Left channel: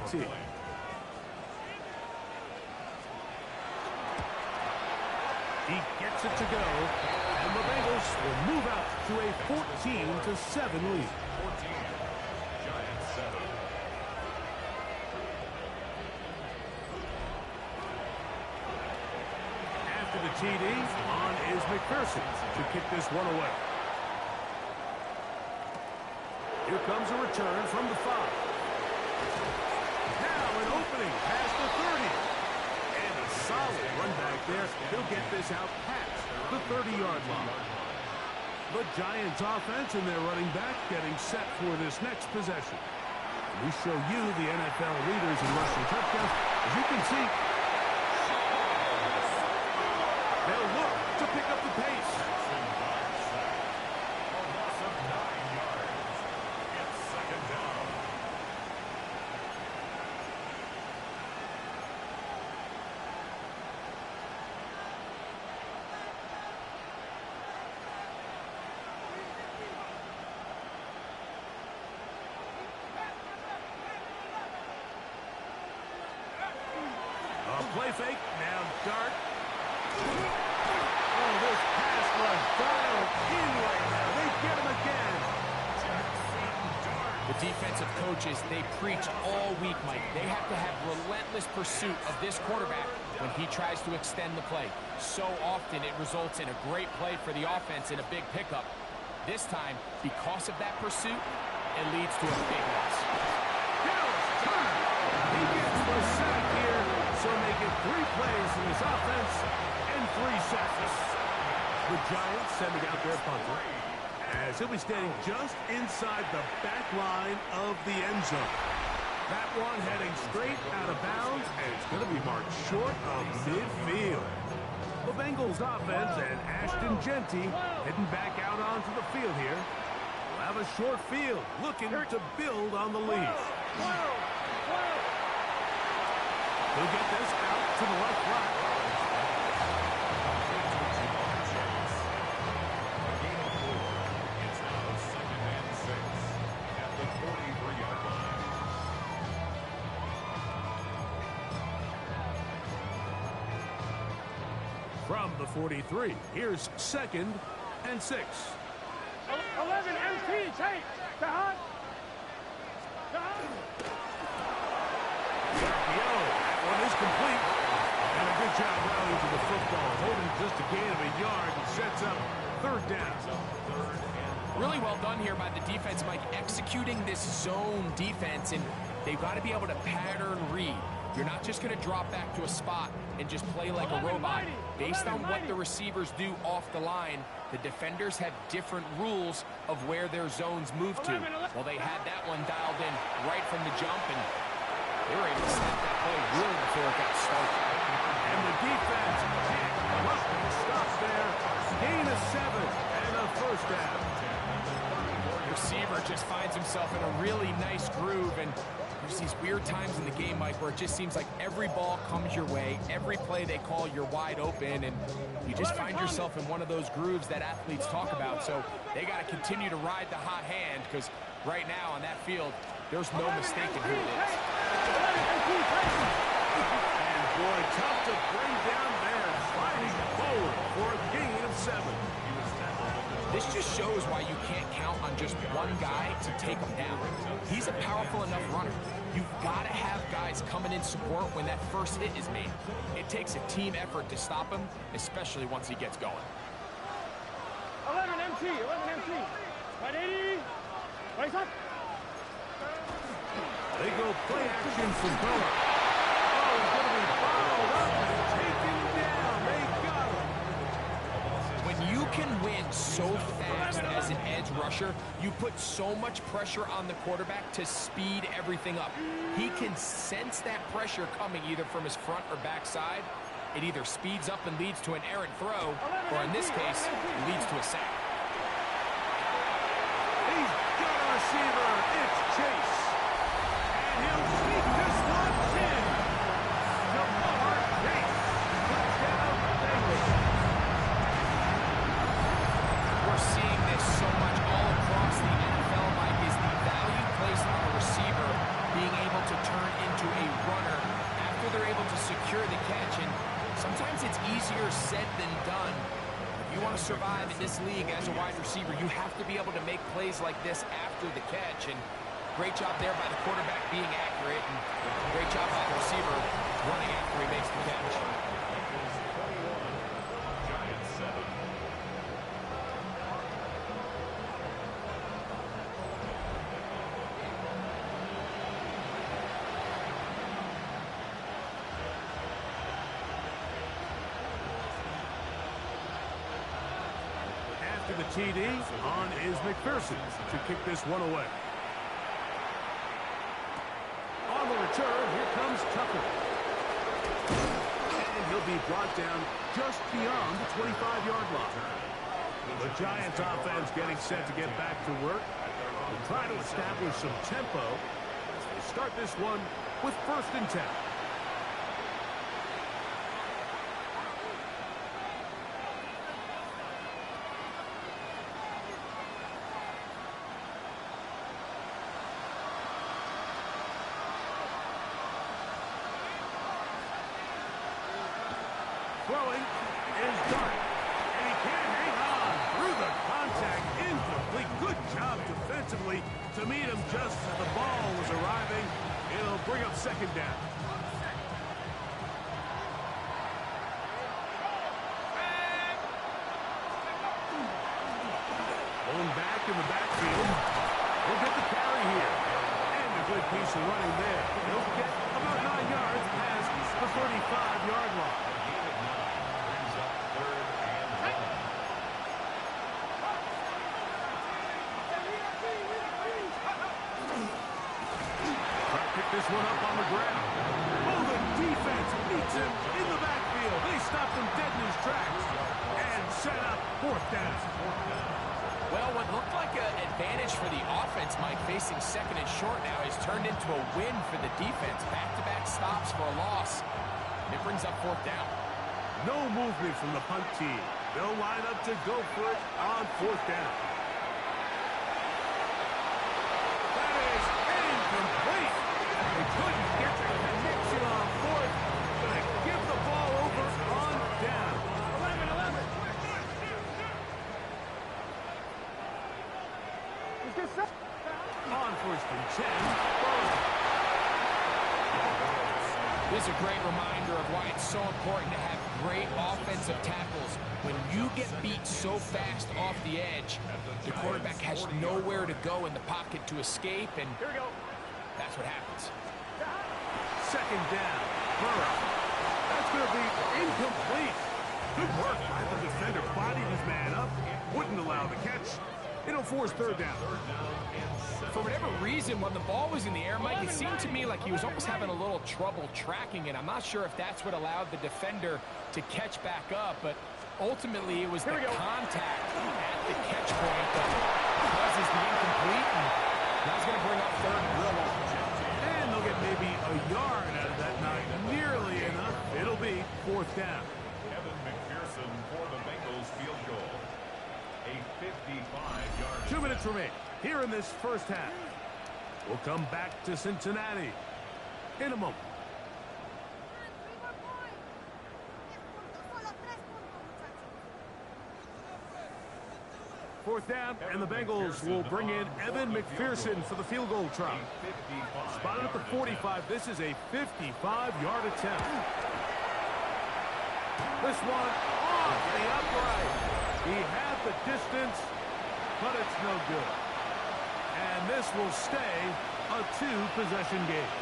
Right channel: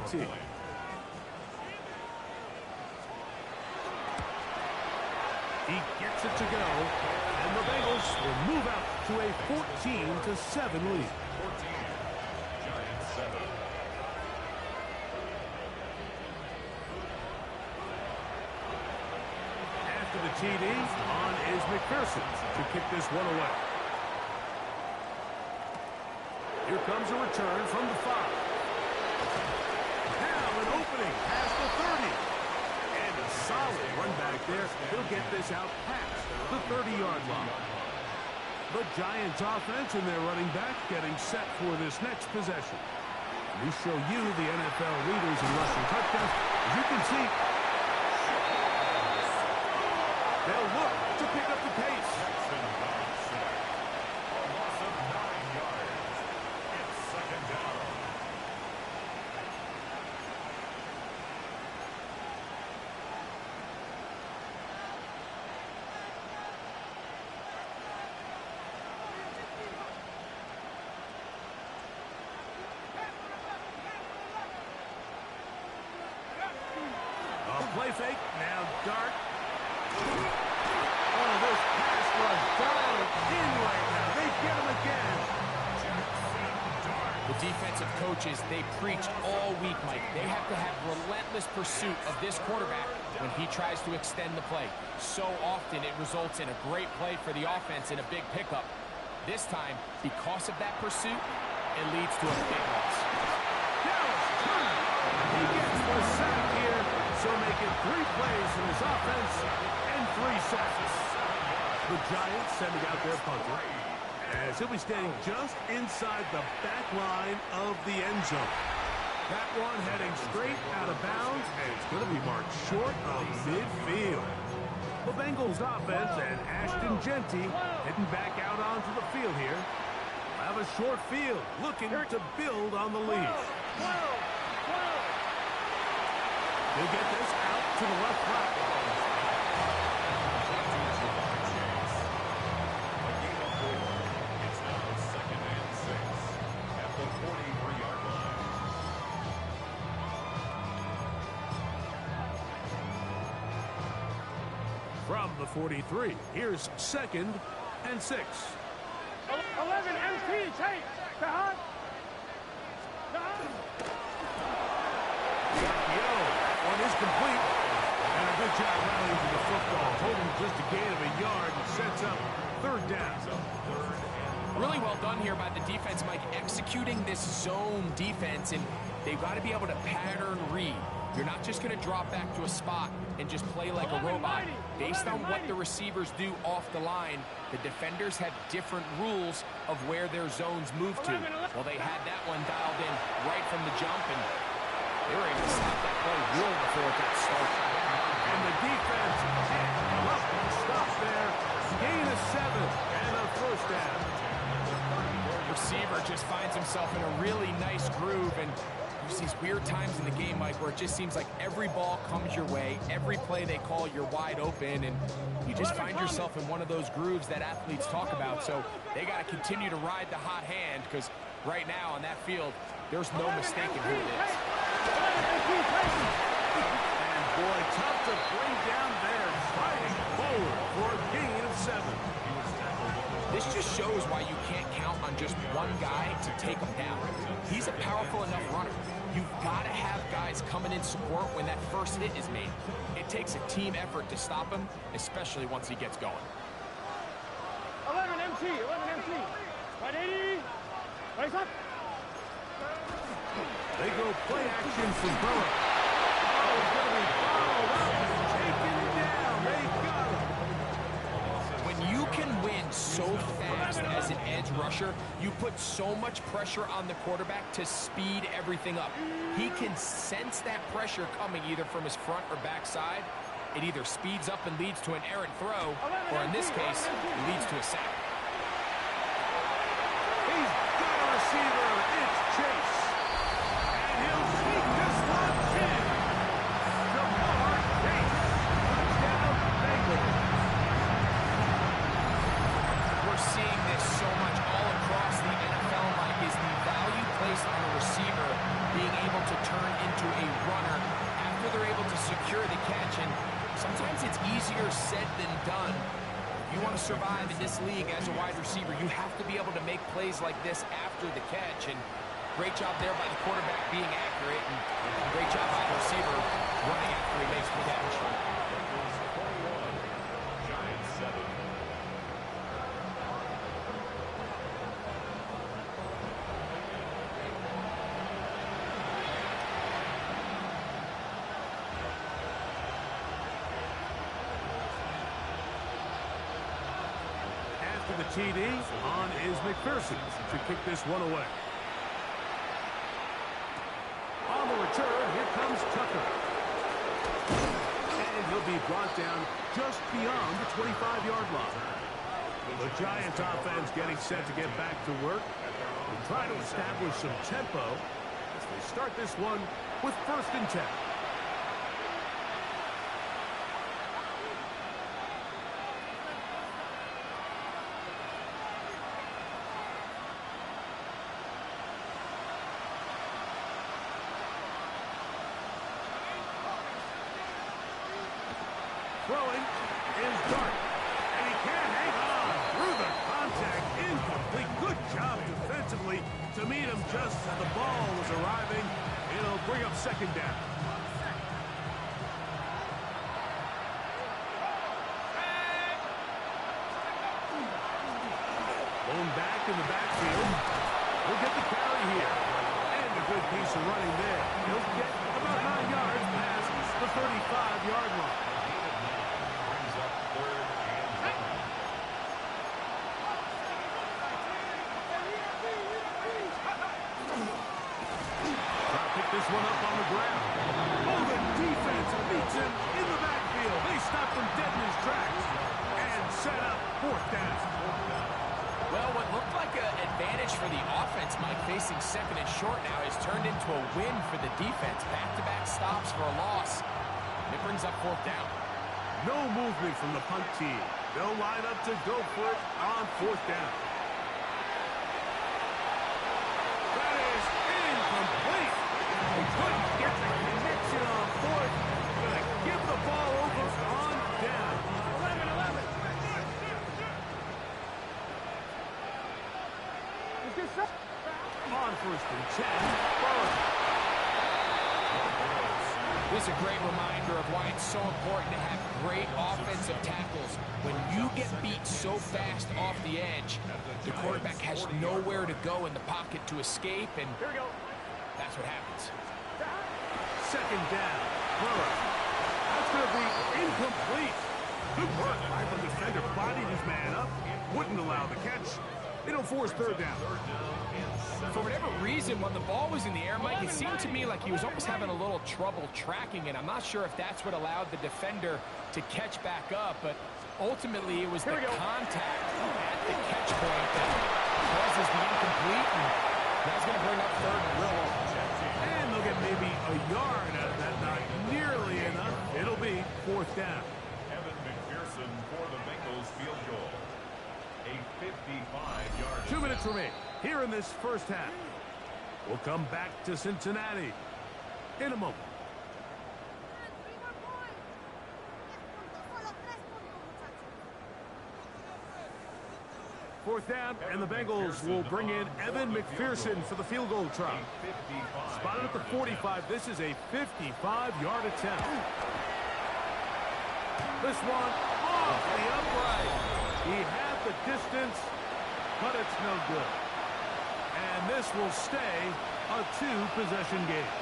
PAT. He gets it to go, and the Bengals will move out to a 14-7 lead. 14, Giants 7. After the TD, on is McPherson to kick this one away. Here comes a return from the 5. Now an opening past the 30. And a solid run back there. He'll get this out past the 30-yard line. The Giants offense and their running back getting set for this next possession. We show you the NFL leaders in rushing touchdowns. As you can see, they'll look to pick up the pace. A loss of 9 yards. It's second down. A play fake, now dart. Oh, this pass rush dialed in right now. They get him again. The defensive coaches, they preach all week, Mike. They have to have relentless pursuit of this quarterback when he tries to extend the play. So often it results in a great play for the offense and a big pickup. This time, because of that pursuit, it leads to a big loss. Dallas Turner. He gets the sack here, so make it 3 plays for his offense and 3 sacks. The Giants sending out their punter, as he'll be standing just inside the back line of the end zone. That one heading straight out of bounds, and it's going to be marked short of midfield. The Bengals offense and Ashton Genty heading back out onto the field here. We'll have a short field looking to build on the lead. He'll get this out to the left flat. A gain of 4. It's now second and 6 at the 43-yard line. From the 43, here's second and 6. 11 MT, take the hunt. That one is complete. And a good job rallying to the football, holding just a gain of a yard and sets up 3rd down. Really well done here by the defense, Mike, executing this zone defense, and they've got to be able to pattern read. You're not just going to drop back to a spot and just play like a robot. Based on what the receivers do off the line, the defenders have different rules of where their zones move to. Well, they had that one dialed in right from the jump, and they were able to stop that play really before it got started. And the defense can't come up and stop there. Gain of 7 and a 1st down. The receiver just finds himself in a really nice groove, and there's these weird times in the game, Mike, where it just seems like every ball comes your way, every play they call, you're wide open, and you just find yourself in one of those grooves that athletes talk about. So they got to continue to ride the hot hand, because right now on that field, there's no mistaking who it is. And boy, tough to bring down there, fighting forward for a gain of 7. This just shows why you can't count on just one guy to take him down. He's a powerful enough runner. You've got to have guys coming in support when that first hit is made. It takes a team effort to stop him, especially once he gets going. 11 MT, 11 MT. Ready? Race up. They go play action from Burrow. Oh, he's going to be followed up and taken down. They got him. When you can win so fast as an edge rusher, you put so much pressure on the quarterback to speed everything up. He can sense that pressure coming either from his front or back side. It either speeds up and leads to an errant throw, or in this case, leads to a sack. He's got a receiver. It's Chase. And he'll sneak this one in. Jamar Chase. Touchdown, Bengals. We're seeing this so much all across the NFL, Mike, is the value placed on a receiver being able to turn into a runner after they're able to secure the catch. And sometimes it's easier said than done. If you want to survive in this league as a wide receiver, you have to be able to make plays like this after the catch. And great job there by the quarterback being accurate, and great job by the receiver running after he makes the catch. Bengals 21, Giants 7. After the TD, on is McPherson to kick this one away. On the return, here comes Tucker. And he'll be brought down just beyond the 25-yard line. The Giants offense getting set to get back to work and try to establish some tempo as they start this one with 1st and 10. Throwing is Dart, and he can't hang on through the contact. Incomplete. Good job defensively to meet him just as the ball was arriving. It'll bring up 2nd down. Blown back in the backfield. We'll get the carry here. And a good piece of running there. He'll get about 9 yards past the 35-yard line. Brings up 3rd and 1. Try to pick this one up on the ground. Oh, the defense meets him in the backfield. They stopped him dead in his tracks and set up 4th down. Well, what looked like an advantage for the offense, Mike, facing 2nd and short now, has turned into a win for the defense. Back-to-back stops for a loss. It brings up 4th down. No movement from the punt team. They'll line up to go for it on 4th down. That is incomplete. They couldn't get the connection on 4th. Gonna give the ball over on down. 11. On 1st and 10, Burrow. This is a great reminder of why it's so important to have great offensive tackles. When you get beat so fast off the edge, the quarterback has nowhere to go in the pocket to escape, and Here we go. that's what happens. 2nd down, Burrow. That's going to be incomplete. Good work by the defender. Bodied his man up. Wouldn't allow the catch. It'll force 3rd down. For whatever reason, when the ball was in the air, Mike, it seemed to me like he was almost having a little trouble tracking it. I'm not sure if that's what allowed the defender to catch back up, but ultimately it was the contact at the catch point that causes the incomplete, and that's going to bring up 3rd and real long. And they'll get maybe a yard out of that. Not nearly enough. It'll be 4th down. Evan McPherson for the Bengals field goal. A 55-yard 2 minutes remain here in this 1st half. We'll come back to Cincinnati in a moment. 4th down, and the Bengals will bring in Evan McPherson for the field goal try. Spotted at the 45. This is a 55-yard attempt. This one off the upright. He had the distance, but it's no good. And this will stay a 2-possession game.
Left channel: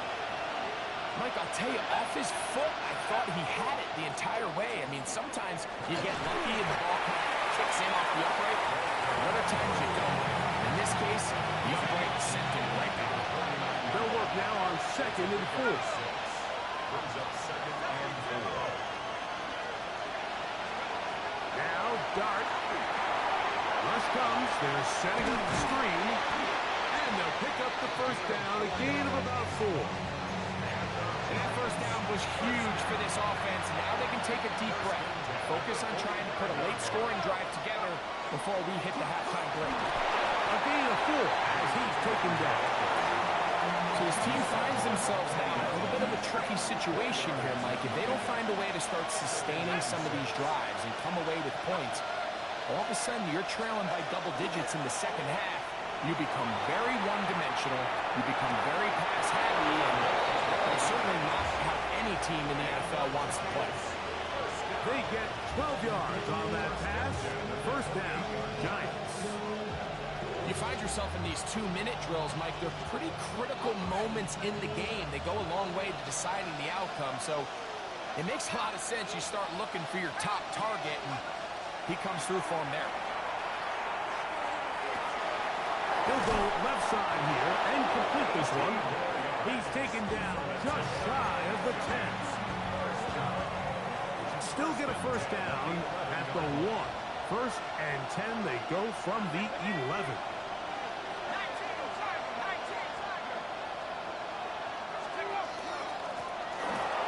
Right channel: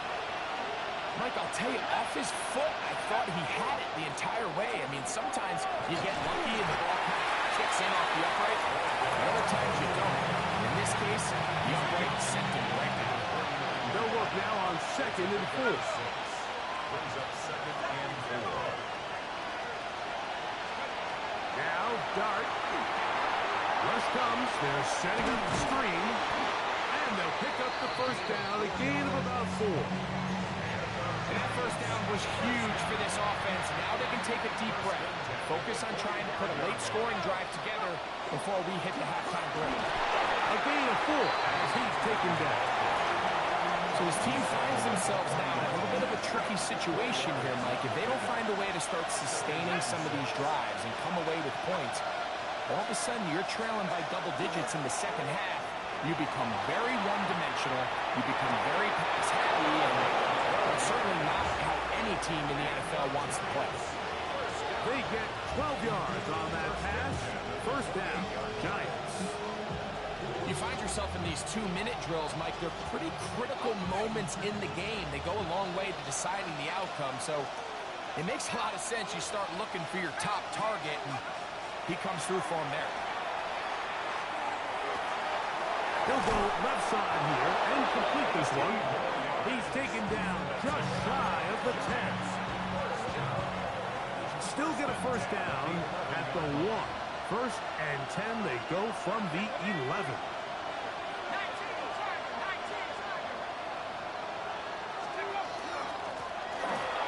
Mike, I'll tell you, off his foot, I thought he had it the entire way. I mean, sometimes you get lucky and the ball kind of kicks in off the upright. But other times you don't. In this case, the upright sent him right back. They'll work now on 2nd and 4. Brings up 2nd and 4. Now, Dart. Rush comes. They're setting up the screen. And they'll pick up the 1st down. A gain of about 4. And that 1st down was huge for this offense. Now they can take a deep breath. Focus on trying to put a late scoring drive together before we hit the halftime break. A gain of 4 as he's taken down. So this team finds themselves now in a little bit of a tricky situation here, Mike. If they don't find a way to start sustaining some of these drives and come away with points, all of a sudden you're trailing by double digits in the second half. You become very one-dimensional. You become very pass-heavy, and that's certainly not how any team in the NFL wants to play. They get 12 yards on that pass. First down, Giants. You find yourself in these 2-minute drills, Mike. They're pretty critical moments in the game. They go a long way to deciding the outcome. So it makes a lot of sense. You start looking for your top target, and he comes through for him there. He'll go left side here and complete this one. He's taken down just shy of the 10. Still get a first down at the 1. First and 10, they go from the 11.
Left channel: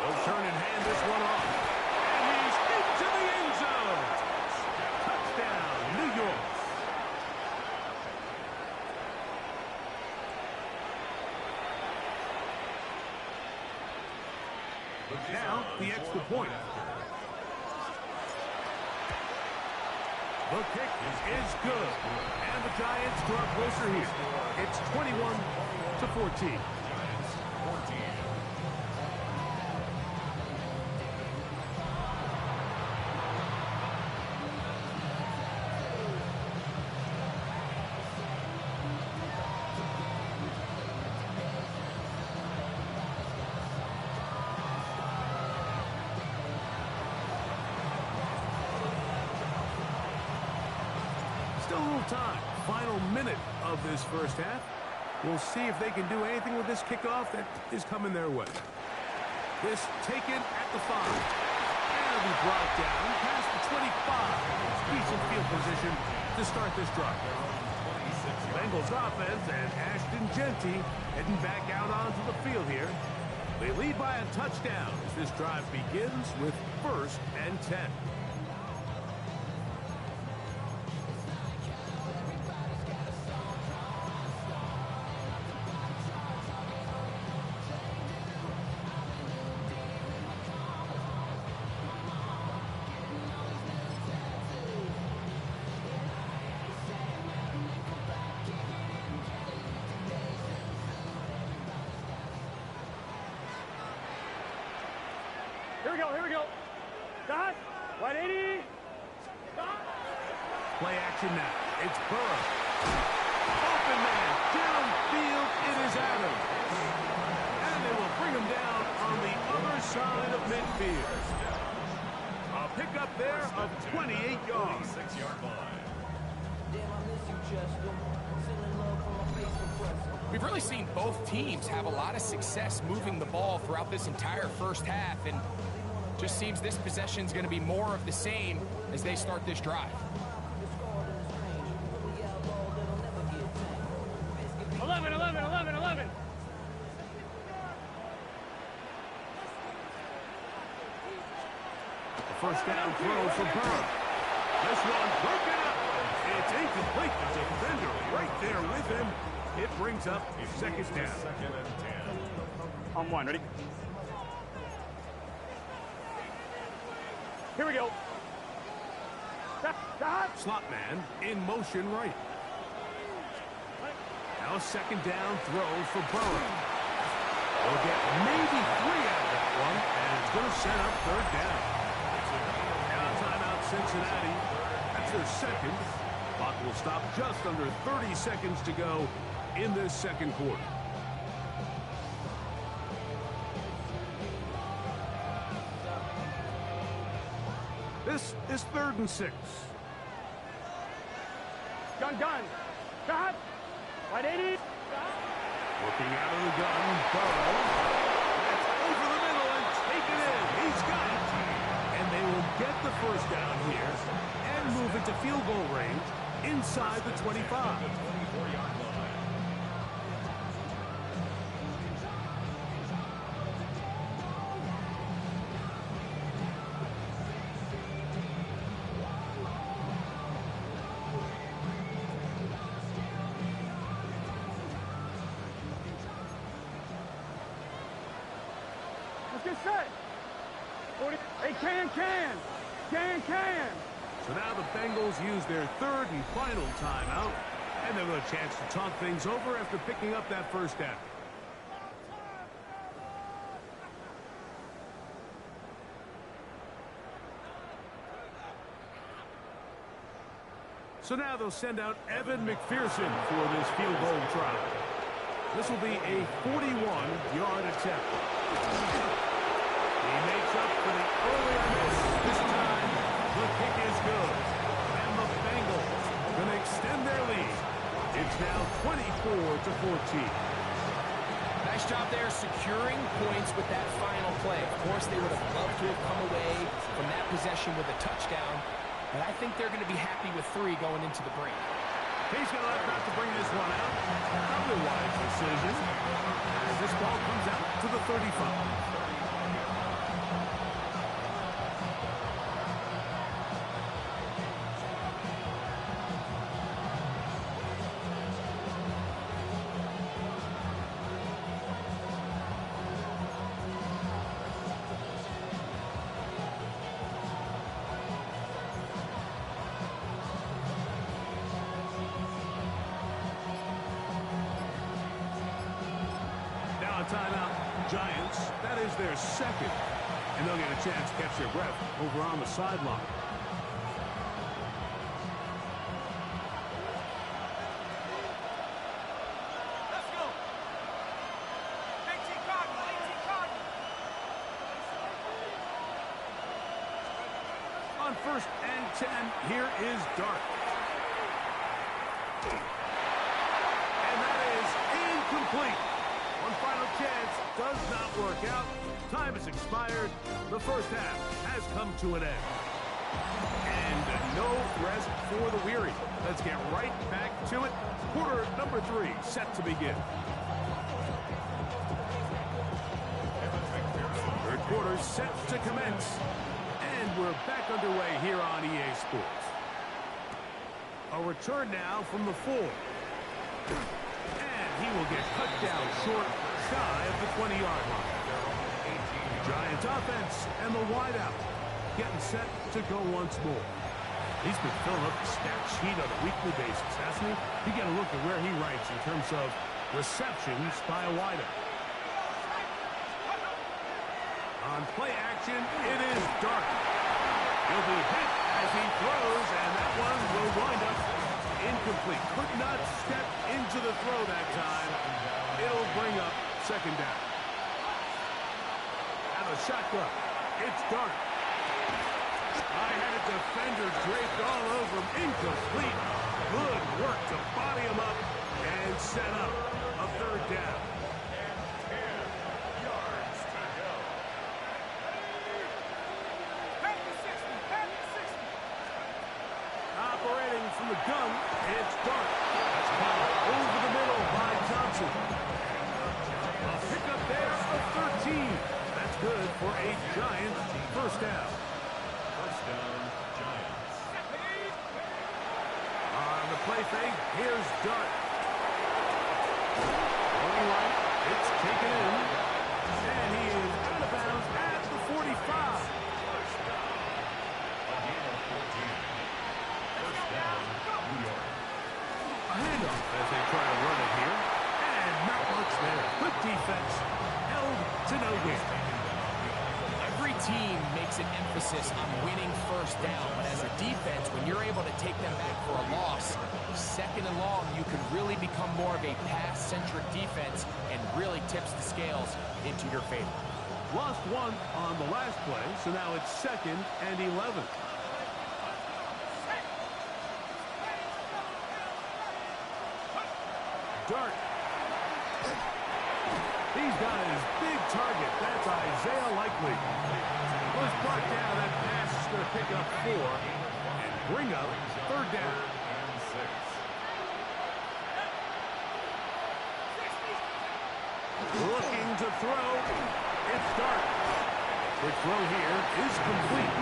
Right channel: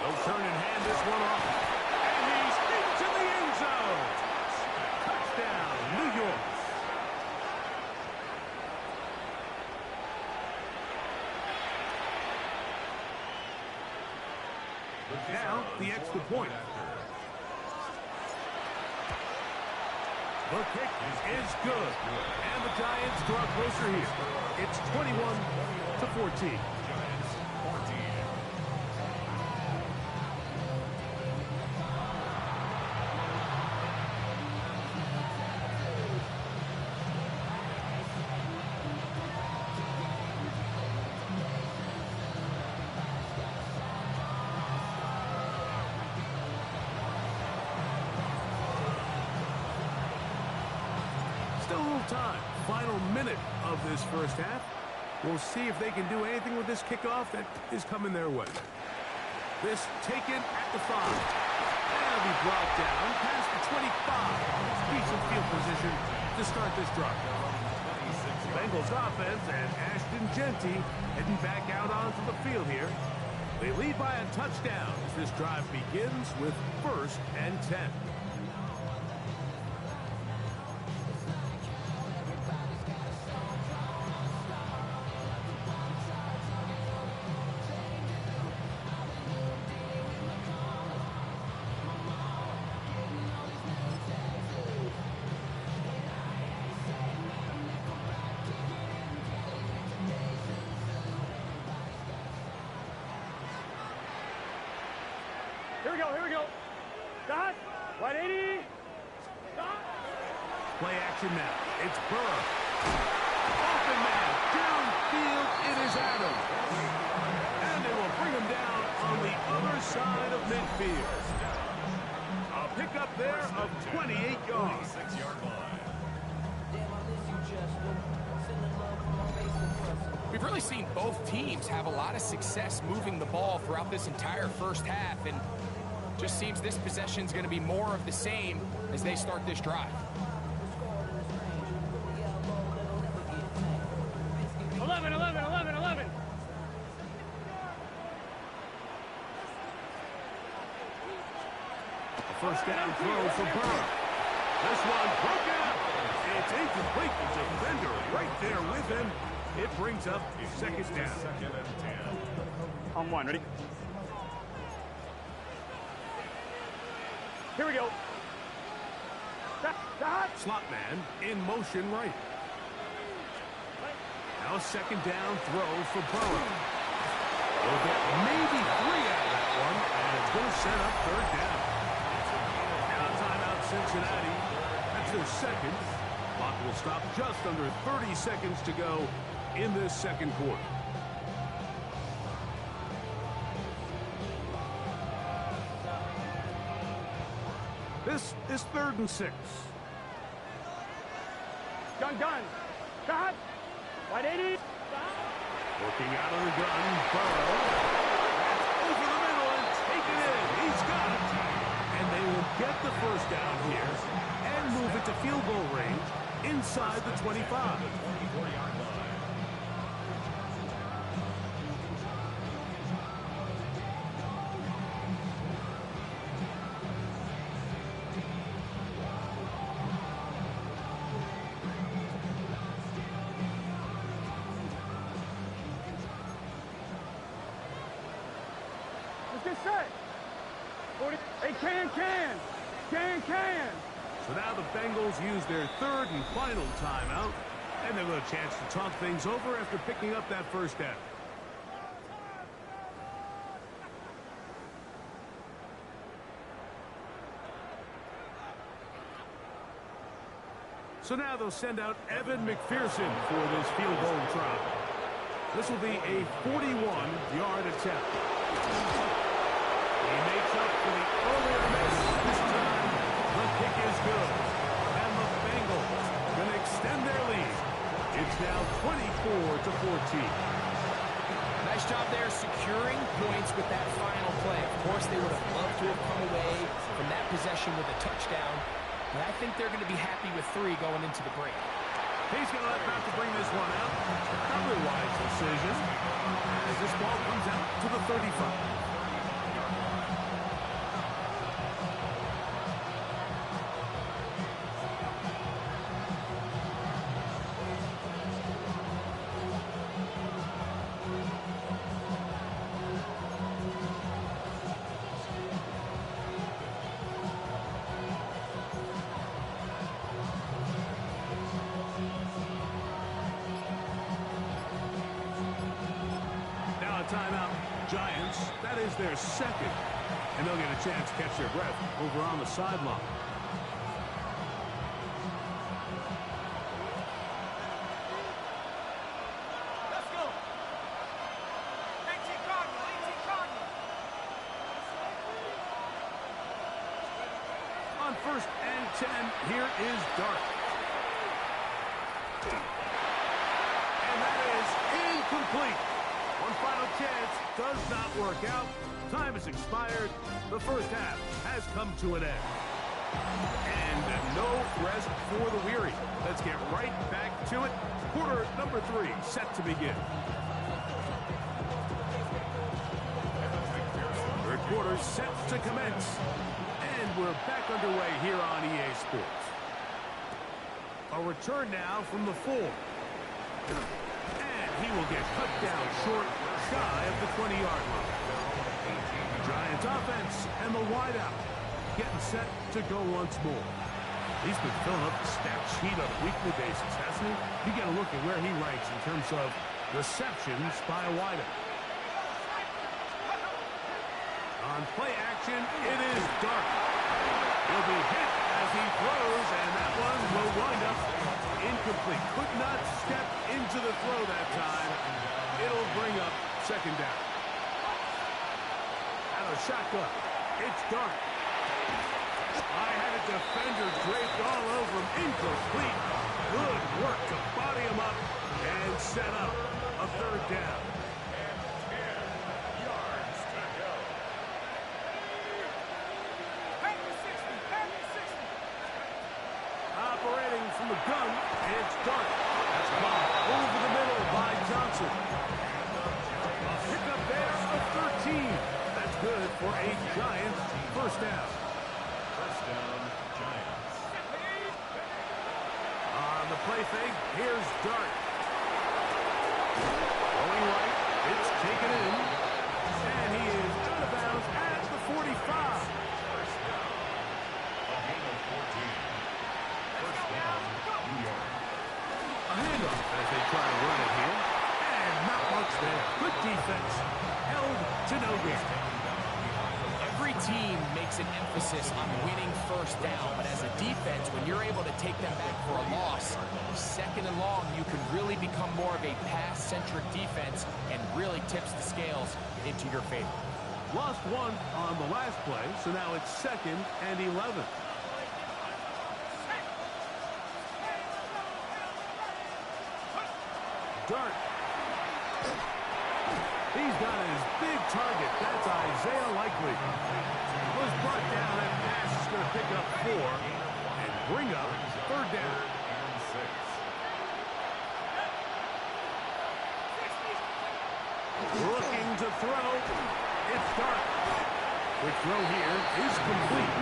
They'll turn and hand this one off. And he's into the end zone. Touchdown, New York. Now, the extra point. The kick is good. And the Giants draw closer here. It's 21-14. Giants 14. Still a little time. Final minute of this first half. We'll see if they can do anything with this kickoff that is coming their way. This taken at the 5. And it'll be brought down past the 25. Decent field position to start this drive. Bengals offense and Ashton Genty heading back out onto the field here. They lead by a touchdown as this drive begins with first and 10. Here we go. Dot. 180. Dot. Play action now. It's Burrow. Open man. Downfield. It is Adams. And they will bring him down on the other side of midfield. A pickup there of 28 yards. 6-yard line. We've really seen both teams have a lot of success moving the ball throughout this entire first half, and just seems this possession is going to be more of the same as they start this drive. 11. A first down throw for Burrow. This one broken up. It's incomplete. The defender right there with him. It brings up second down. Second and 10. On 1. Ready? Here we go. Dot. Slot man in motion right. Now a second down throw for Burrow. They'll get maybe 3 out of that one, and it's going to set up third down. Now timeout Cincinnati. That's their second. Clock will stop just under 30 seconds to go in this second quarter. This is 3rd and 6. Gun. Dot. 180. Working out of the gun, Burrow. That's over the middle and taken in. He's got it. And they will get the first down here and move it to field goal range inside the 25. The 24-yard line. Let's get set. 40. Hey, can. So now the Bengals use their third and final timeout, and they'll have a chance to talk things over after picking up that first down. So now they'll send out Evan McPherson for this field goal try. This will be a 41-yard attempt. He makes up for the earlier miss. This time, the kick is good. And the Bengals going to extend their lead. It's now 24-14. Nice job there securing points with that final play. Of course, they would have loved to have come away from that possession with a touchdown, but I think they're going to be happy with 3 going into the break. He's going to let back to bring this one out. Probably a wise decision as this ball comes out to the 35. Timeout, Giants. That is their second. And they'll get a chance to catch their breath over on the sideline. Let's go. 18 Cardinal. On 1st and 10, here is Dart. And that is incomplete. One final chance does not work out. Time has expired. The first half has come to an end. And no rest for the weary. Let's get right back to it. Quarter number 3 set to begin. Third quarter set to commence. And we're back underway here on EA Sports. A return now from the 4. And he will get cut down short, shy of the 20-yard line. Giants offense and the wideout getting set to go once more. He's been filling up the stat sheet on a weekly basis, hasn't he? You get a look at where he ranks in terms of receptions by a wideout. On play action, it is Dart. He'll be hit as he throws, and that one will wind up incomplete. Could not step into the throw that time. It'll bring up second down. Out of shotgun, it's Dart. I had a defender draped all over him. Incomplete. Good work to body him up and set up a third down. And 10 yards to go. Operating from the gun, it's Dart. That's caught over the middle by Johnson. A pickup there of 13. That's good for a Giants first down. First down, Giants. On the play fake, here's Dart. Going right, it's taken in. And he is out of bounds at the 45. First down. A gain of 14. First down, New York. A handoff as they try to run it here. And not much there. Good defense. Held to no gain. Every team makes an emphasis on winning first down, but as a defense, when you're able to take them back for a loss, second and long, you can really become more of a pass-centric defense and really tips the scales into your favor. Lost one on the last play, so now it's 2nd and 11. Dart. He's got his big target. That's Isaiah Likely. Was brought down. That pass is going to pick up 4 and bring up third down. And 6. Looking to throw. It's Dart. The throw here is complete.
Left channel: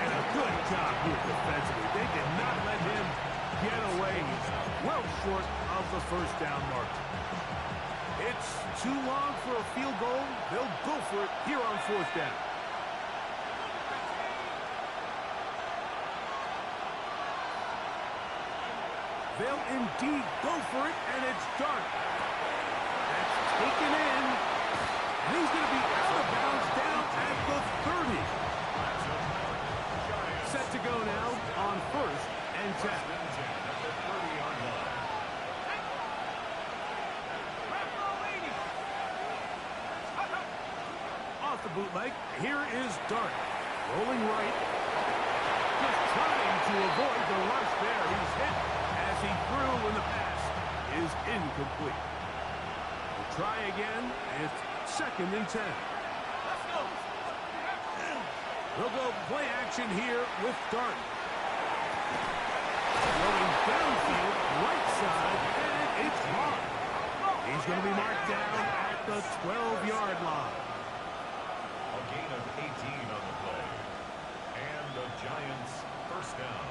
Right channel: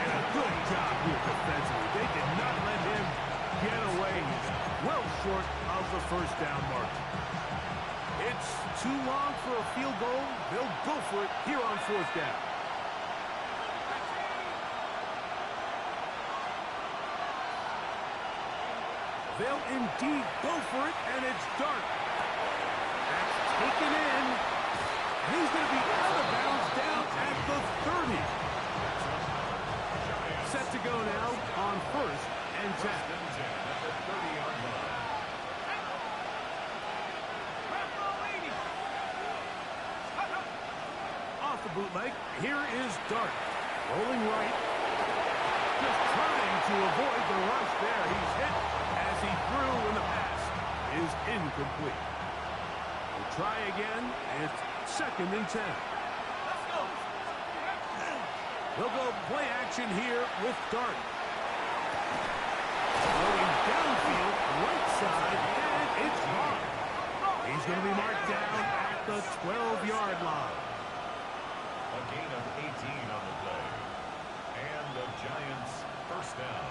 And a good job here defensively. They did not let him get away. He's well short of the first down mark. It's too long for a field goal. They'll go for it here on fourth down. They'll indeed go for it, and it's Dart. That's taken in, and he's going to be out of bounds down at the 30. Set to go now on first and 10. At the 30-yard line. Off the bootleg, here is Dart. Rolling right. Just trying to avoid the rush there. He's hit as he threw, and the pass is incomplete. We'll try again. It's second and 10. Let's go. They'll go play action here with Dart. Going downfield, right side, and it's caught. He's going to be marked down at the 12-yard line. A gain of 18 on the play. And the Giants first down.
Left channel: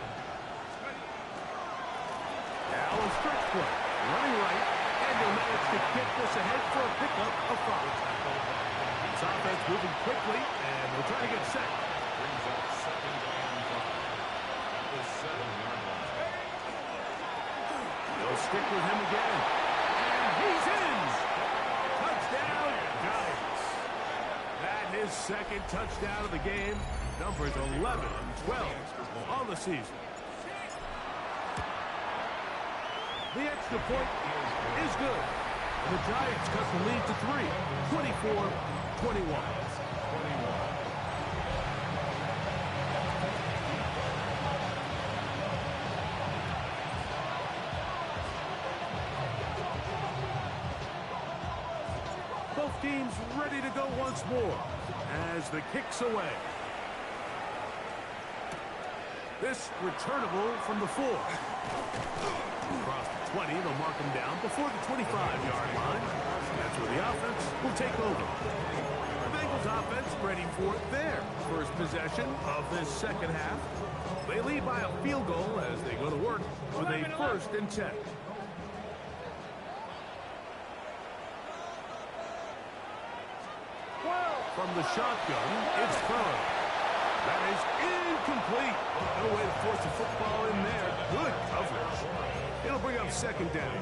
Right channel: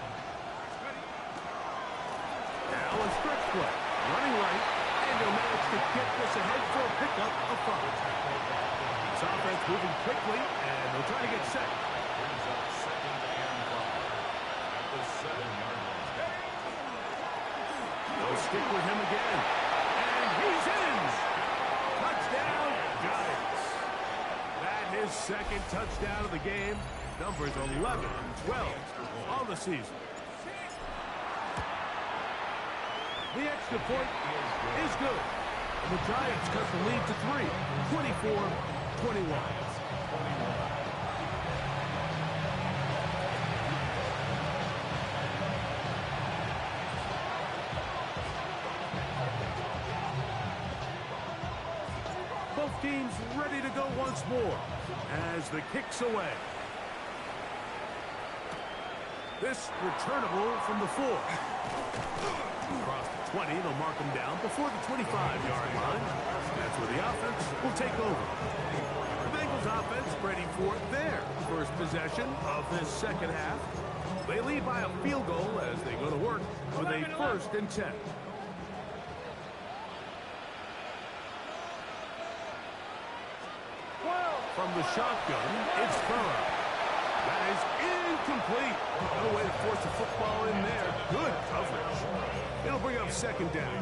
Now a stretch play. Running right, and he'll manage to get this ahead for a pickup of 5. This offense moving quickly, and they'll try to get set. Brings up second and 5 at the 7-yard line. They'll stick with him again. And he's in. Touchdown, Giants. That his second touchdown of the game. Numbers 11 and 12 on the season. The extra point is good. And the Giants cut the lead to 3, 24-21. Both teams ready to go once more as the kick's away. This returnable from the 4. Across the 20, they'll mark him down before the 25-yard line. That's where the offense will take over. The Bengals offense ready for their first possession of this second half. They lead by a field goal as they go to work with a first and 10. From the shotgun, it's Burrow. That is incomplete. No way to force the football in there. Good coverage. It'll bring up second down.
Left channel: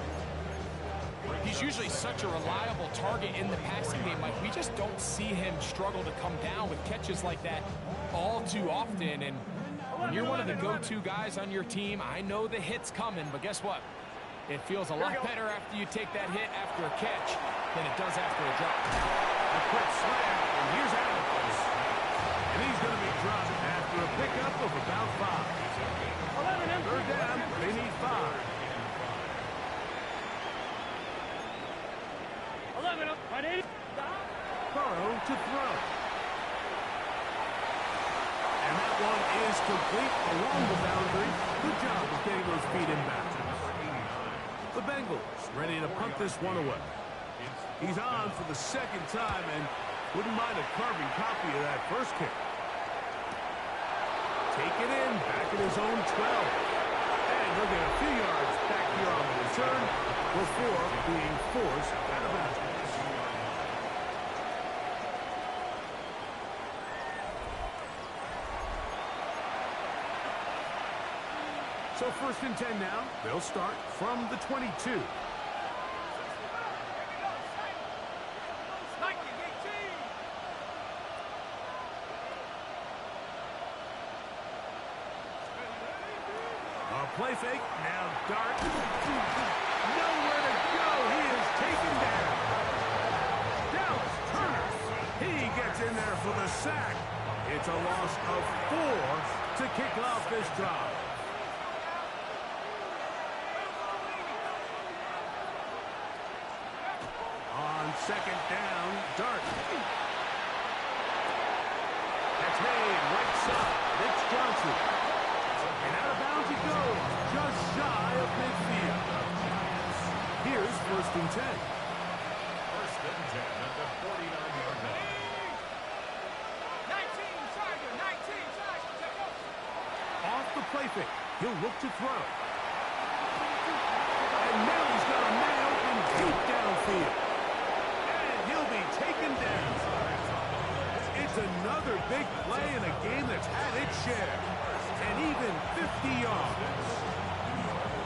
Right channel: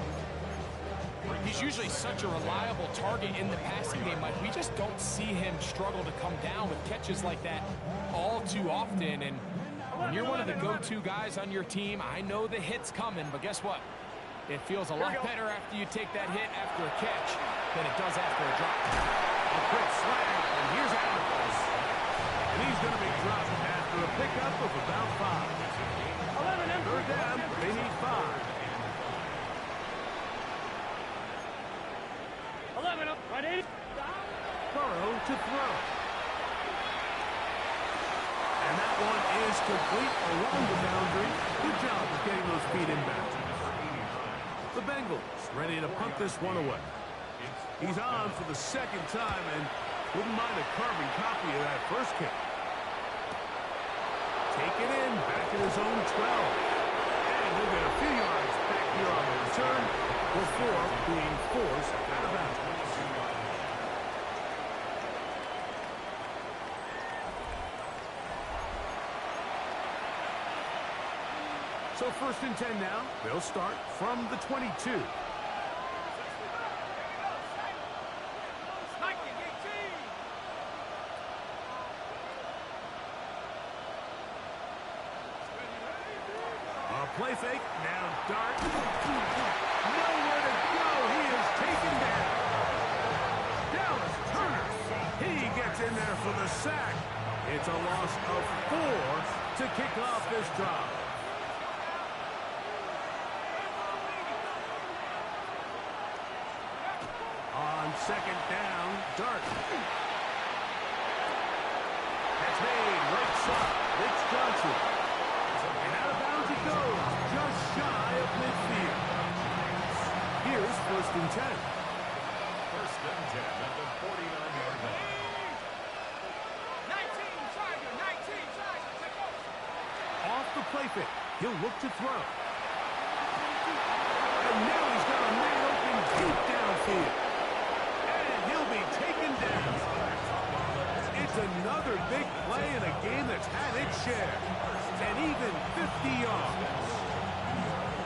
He's usually such a reliable target in the passing game, Mike. We just don't see him struggle to come down with catches like that all too often. And when you're one of the go-to guys on your team, I know the hit's coming, but guess what? It feels a lot better after you take that hit after a catch than it does after a drop. A quick slant, and here's Adams. And he's going to be dropped after a pickup of about 5. Third down, they need 5. 11, Burrow to throw. And that one is complete along the boundary. Good job of getting those feet in back. The Bengals ready to punt this one away. He's on for the second time and wouldn't mind a carbon copy of that first kick. Take it in, back at his own 12. And he'll get a few yards back here on the return before being forced out of bounds. So first and 10 now. They'll start from the 22. A play fake. Now Dart. Nowhere to go. He is taken down. Dallas Turner. He gets in there for the sack. It's a loss of 4 to kick off this drive. On second down, Dart. That's made right side. It's Johnson. And out of bounds he goes, just shy of midfield. Here's first and 10. First and 10 at the 49-yard line. 19, Tiger, 19, Tiger, take off. Off the play fake, he'll look to throw. And now he's got a man open deep downfield. taken down. It's another big play in a game that's had its share. And even 50 yards.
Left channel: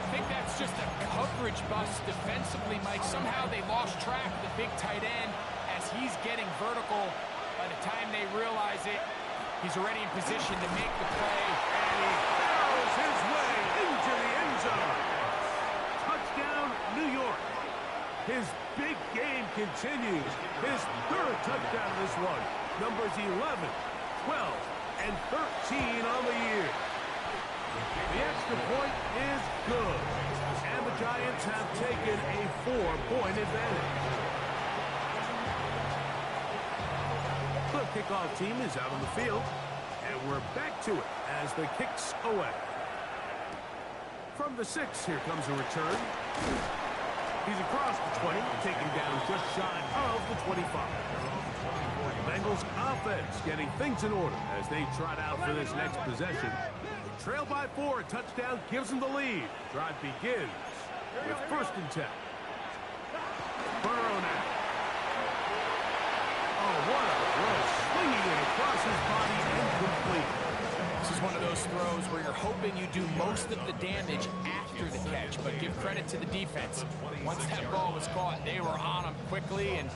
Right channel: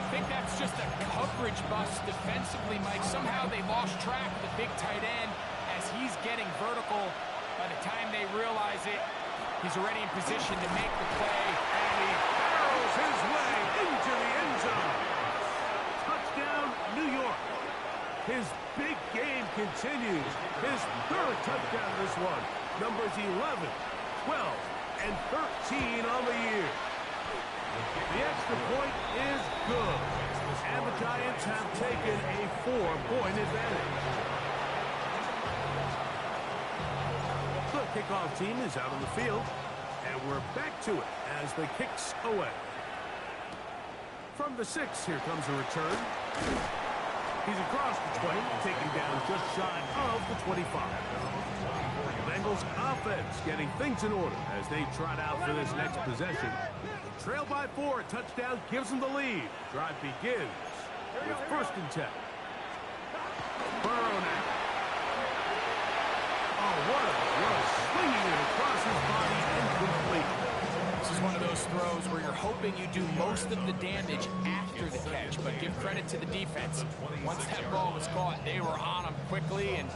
I think that's just a coverage bust defensively, Mike. Somehow they lost track of the big tight end as he's getting vertical. By the time they realize it, he's already in position to make the play. And he barrels his way into the end zone. Touchdown, New York. His big game continues. His third touchdown in this one. Numbers 11, 12, and 13 on the year. The extra point is good. And the Giants have taken a 4-point advantage. The kickoff team is out on the field. And we're back to it as the kicks away. From the 6, here comes a return. He's across the 20, taken down just shy of the 25. The Bengals offense getting things in order as they trot out for this next possession. Trail by 4, a touchdown gives them the lead. Drive begins with 1st and 10. Burrow now. Oh, what a throw. Swinging it across his body and complete. This is one of those throws where you're hoping you do most of the damage after the catch, but give credit to the defense. Once that ball was caught, they were on him quickly, and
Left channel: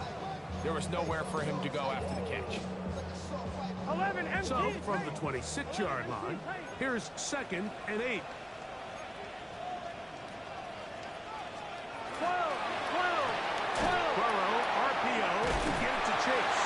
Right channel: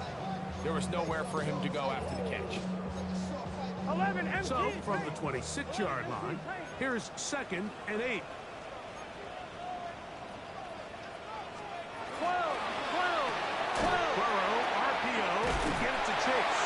there was nowhere for him to go after the catch. 11 empty. So, from the 26-yard line, here's 2nd and 8. 12. Burrow, RPO, to get it to Chase.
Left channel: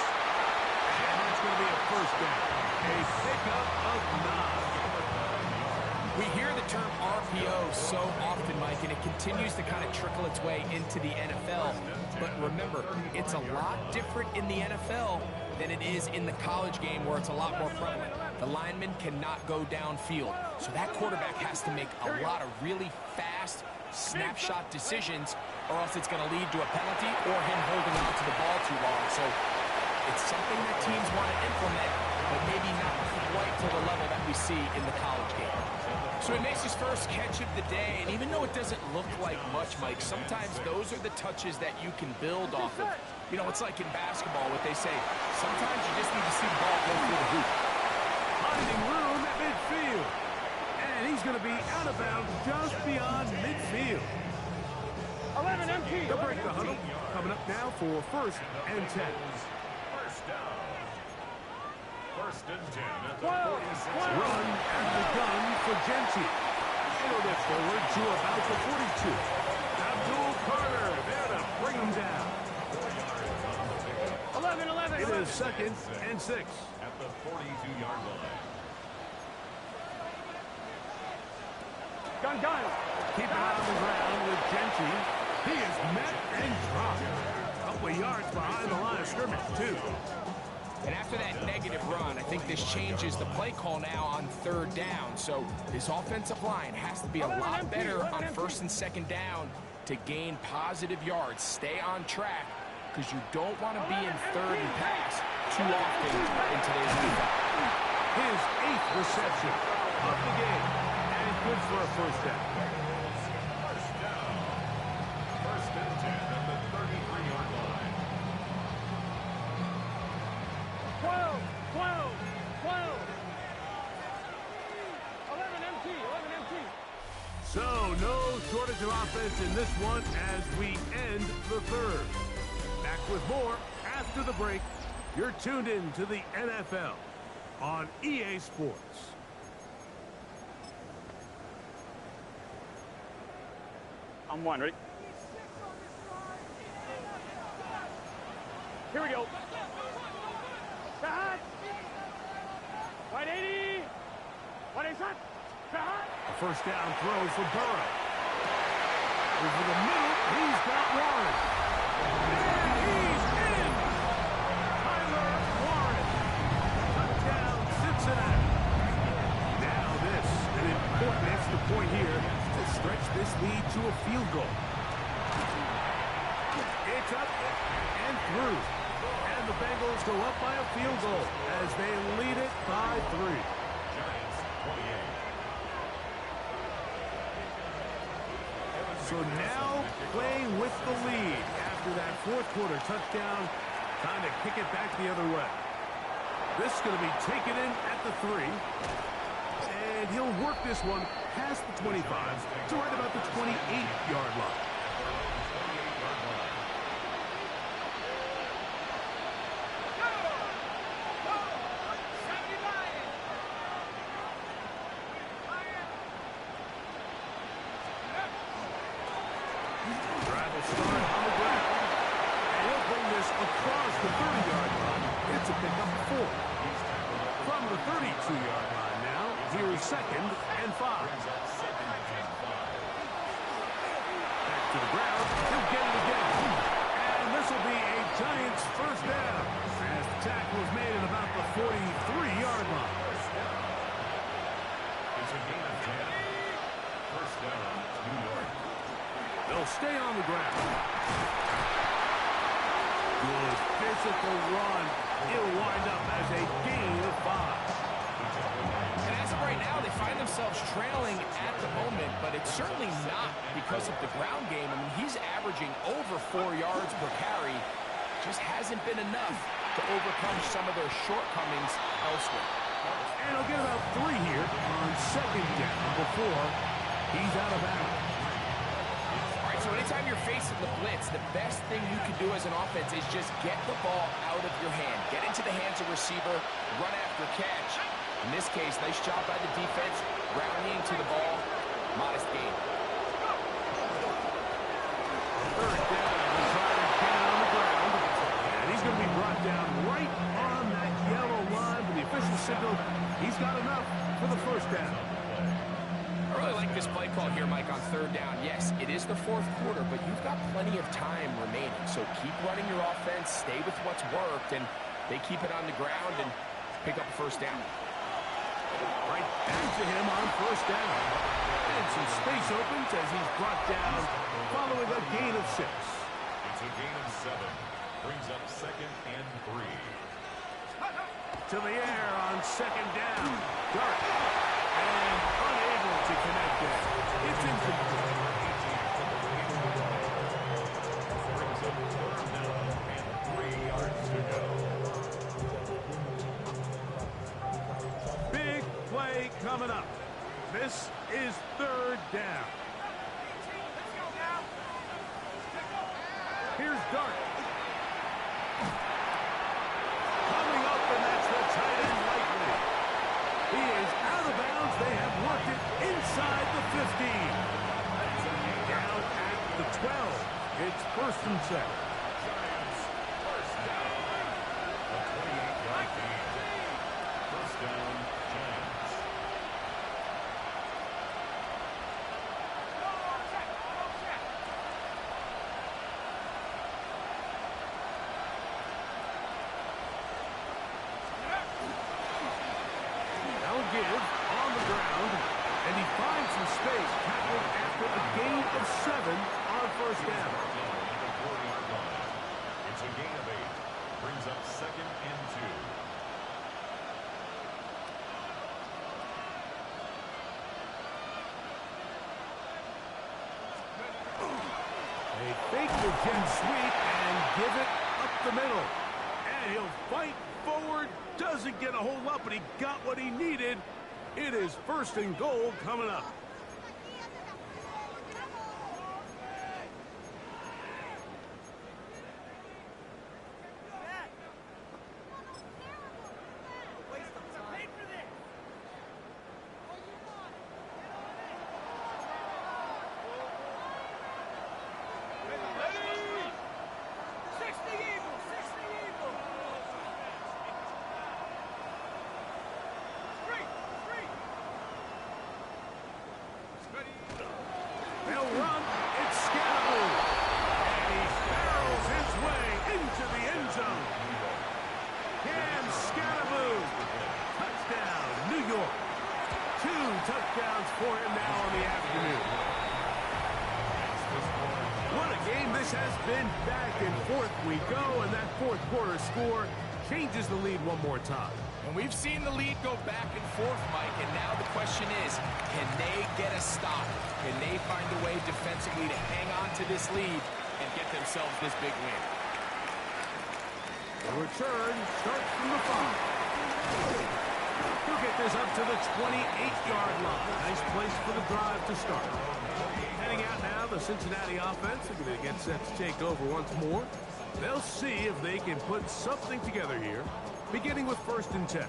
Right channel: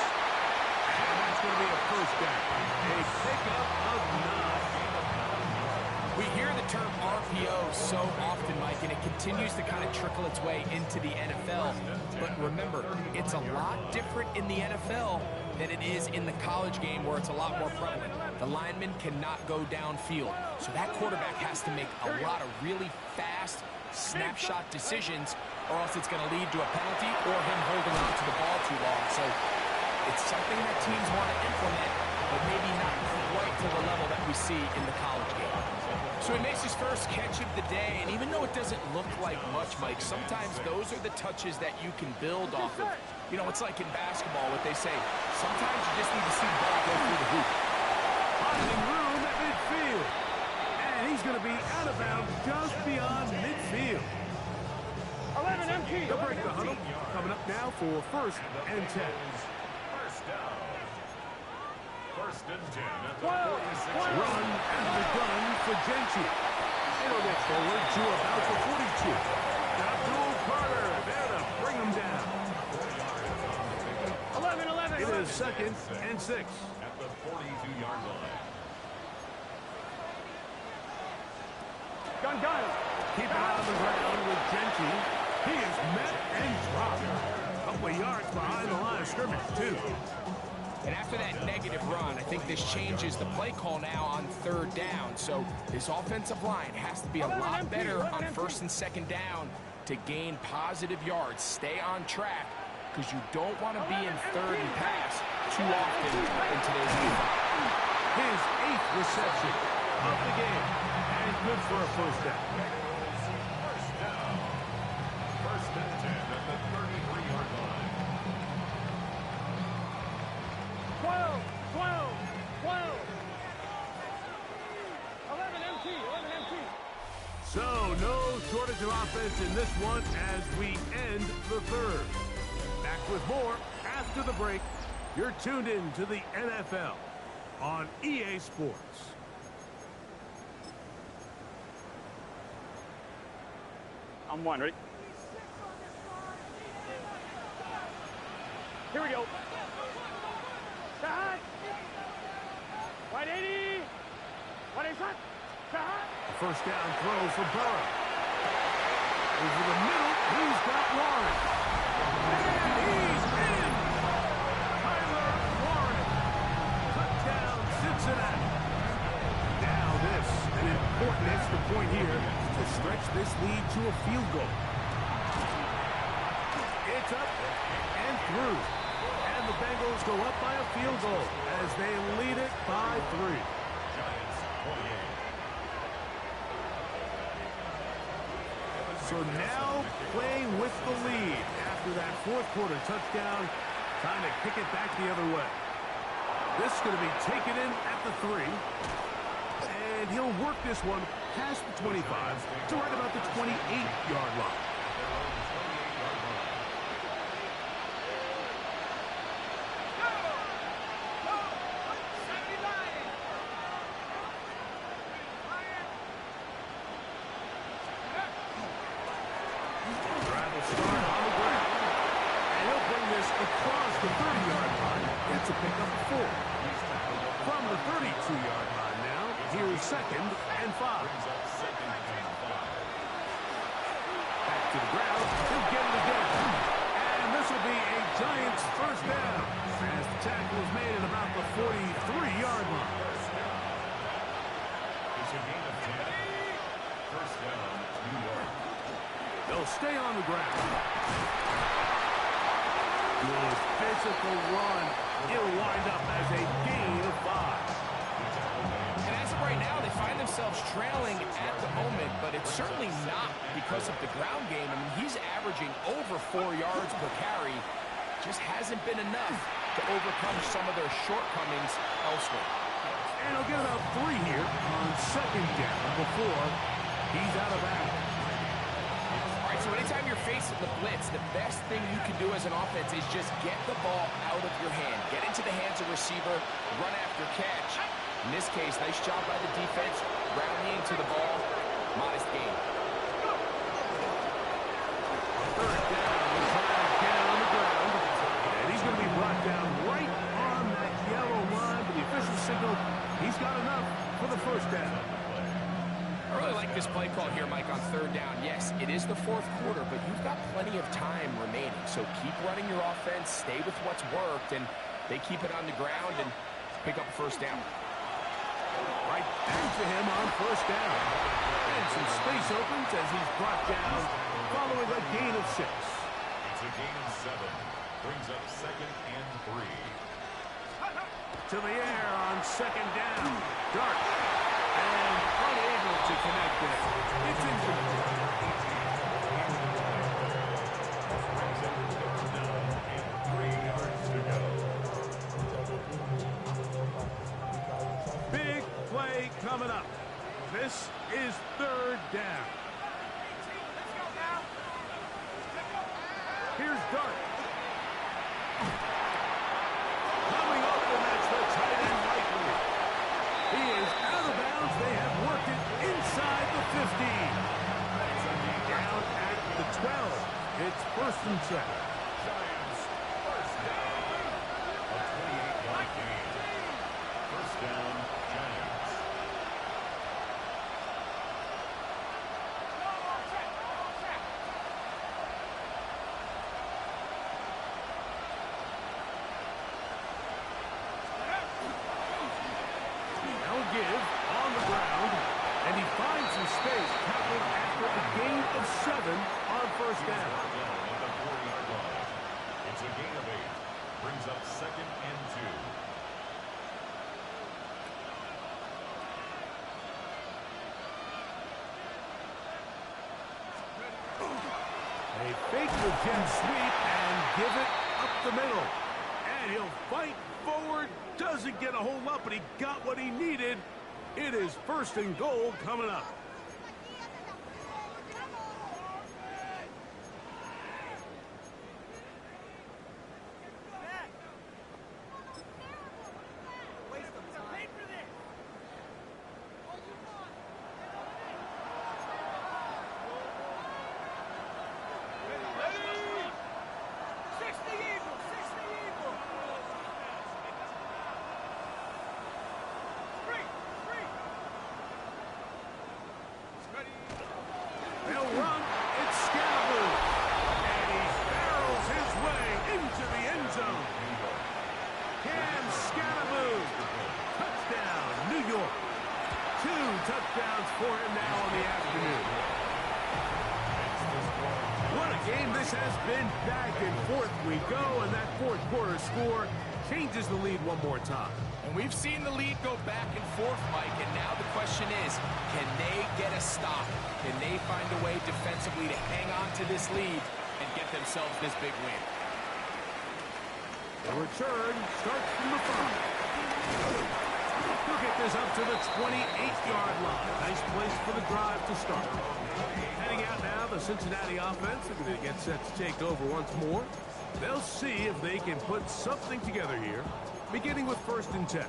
And that's going to be a 1st down. A pickup of 9. We hear the term RPO so often, Mike, and it continues to kind of trickle its way into the NFL. But remember, it's a lot different in the NFL than it is in the college game where it's a lot more prevalent. The lineman cannot go downfield. So that quarterback has to make a lot of really fast snapshot decisions, or else it's going to lead to a penalty or him holding on to the ball too long. So it's something that teams want to implement, but maybe not quite to the level that we see in the college game. So he makes his first catch of the day, and even though it doesn't look like much, Mike, sometimes those are the touches that you can build off of. You know, it's like in basketball, what they say, sometimes you just need to see the ball go through the hoop. Finding room at midfield. And he's going to be out of bounds just beyond midfield. 11 empty. They'll break the huddle. Coming up now for 1st and 10. First down. 1st and 10 at the 12. 46. Run at the gun for Gentry. It'll get forward to about the 42. Abdul Carter there to bring him down. 4 yards on the pickup. 11. It is 2nd and 6. At the 42-yard line. Gun. Keep it on the ground with Gentry. He is met and dropped. A couple of yards behind the line of scrimmage, too. And after that negative run, I think this changes the play call now on 3rd down. So this offensive line has to be a lot better on 1st and 2nd down to gain positive yards. Stay on track, because you don't want to be in 3rd and pass too often in today's NFL. His 8th reception of the game. And good for a 1st down. First down. 1st and 10 at the 33-yard line. 12. 11 empty. So, no shortage of offense in this one as we end the 3rd. Back with more after the break. You're tuned in to the NFL on EA Sports. I'm 1. Ready? Here we go. Shot. Wide 80. Wide 80 shot. Shot. A 1st down throw for Burrow. Over the middle, he's got Warren. And he's in! Tyler Warren. Touchdown, Cincinnati. Now this, an important extra point here to stretch this lead to a field goal. It's up and through. And the Bengals go up by a field goal as they lead it by 3. Giants 28. So now playing with the lead after that 4th quarter touchdown Time to kick it back the other way. This is going to be taken in at the 3. And he'll work this one past the 25 to right about the 28-yard line. Start on the ground, and he'll bring this across the 30-yard line. It's a pickup 4. From the 32-yard line now, here is 2nd and 5. Back to the ground, he'll get it again. And this will be a Giants first down, as the tackle is made at about the 43-yard line. It's a gain of 10. First down, New York. They'll stay on the ground. Good physical run. It'll wind up as a gain of 5. And as of right now, they find themselves trailing at the moment, but it's certainly not because of the ground game. I mean, he's averaging over 4 yards per carry. Just hasn't been enough to overcome some of their shortcomings elsewhere. And he'll get about 3 here on 2nd down before he's out of bounds. So anytime you're facing the blitz, the best thing you can do as an offense is just get the ball out of your hand. Get into the hands of receiver, run after catch. In this case, nice job by the defense, rallying to the ball. Modest gain. Third down, he's trying to get it on the ground. And he's going to be brought down right on that yellow line with the official signal. He's got enough for the first down. I really like this play call here, Mike, on 3rd down. Yes, it is the 4th quarter, but you've got plenty of time remaining. So keep running your offense, stay with what's worked, and they keep it on the ground and pick up a first down. Right back to him on 1st down. And some space opens as he's brought down following a gain of 6. It's a gain of 7. Brings up 2nd and 3. To the air on 2nd down. Dart. And unable to connect there. It's incomplete. Brings up 3rd down and 3 yards to go. Big play coming up. This is 3rd down. Here's Dart. Coming up, and that's the tight end likely. He is out of bounds. They have worked it inside the 15. Down at the 12. It's 1st and 7. Giants first down. A 28-yard gain. First down, Giants. Give on the ground, and he finds some space, tackled after a gain of 7 on 1st down. At the 40-yard line. It's a gain of 8. Brings up 2nd and 2. They fake the jet sweep and give it up the middle. And he'll fight forward. Doesn't get a whole lot, but he got what he needed. It is 1st and goal coming up. They'll run. It's Scalaboo. And he barrels his way into the end zone. Cam Scalaboo. Touchdown, New York. 2 touchdowns for him now on the afternoon. What a game this has been. Back and forth we go, and that 4th quarter score changes the lead one more time. And we've seen the lead go back and forth, Mike, and now the question is, can they get a stop? Can they find a way defensively to hang on to this lead and get themselves this big win? The return starts from the 5. He'll get this up to the 28-yard line. Nice place for the drive to start. Heading out now, the Cincinnati offense are going to get set to take over once more. They'll see if they can put something together here, beginning with 1st and 10.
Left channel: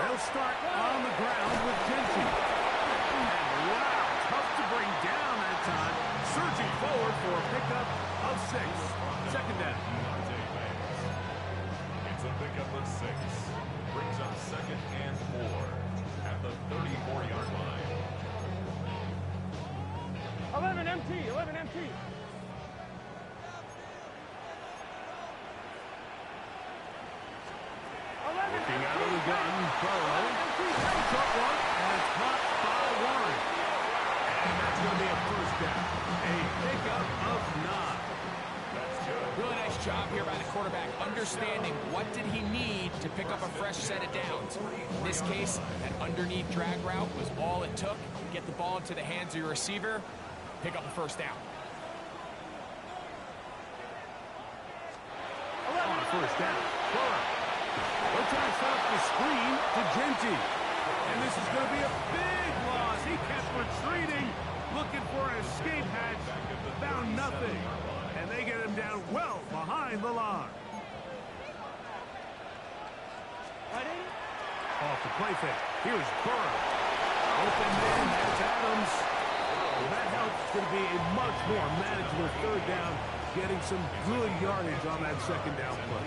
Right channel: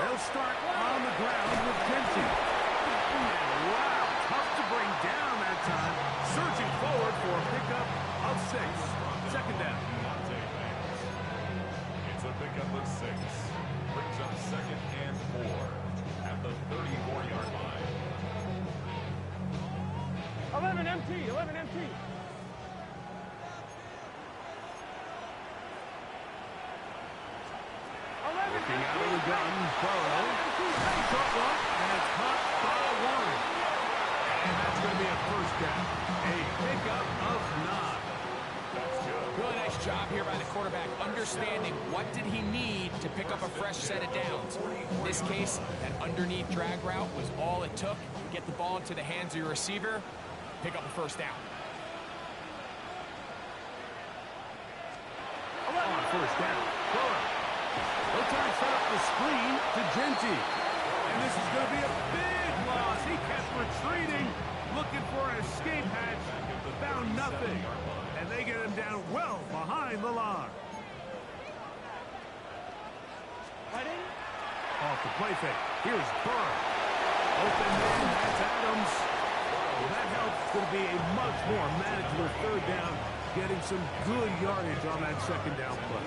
They'll start on the ground with Genty. And wow, tough to bring down that time. Surging forward for a pickup of 6. 2nd down. It's a pickup of 6. Brings up 2nd and 4 at the 34-yard line. 11 MT, 11 MT. Looking out of the gun, Burrow. Short one, and it's caught by Warren. And that's going to be a 1st down. A pickup of 9. That's good. Really nice job here by the quarterback, understanding what did he need to pick up a fresh set of downs. In this case, that underneath drag route was all it took. Get the ball into the hands of your receiver, pick up a 1st down. On 1st down, Burrow. They'll try to set up the screen to Genty. And this is going to be a big loss. He kept retreating, looking for an escape hatch. Found nothing. And they get him down well behind the line. Off the play fake. Here's Burrow. Open man, that's Adams. Well, that helps. Going to be a much more manageable 3rd down. Getting some good yardage on that 2nd down play.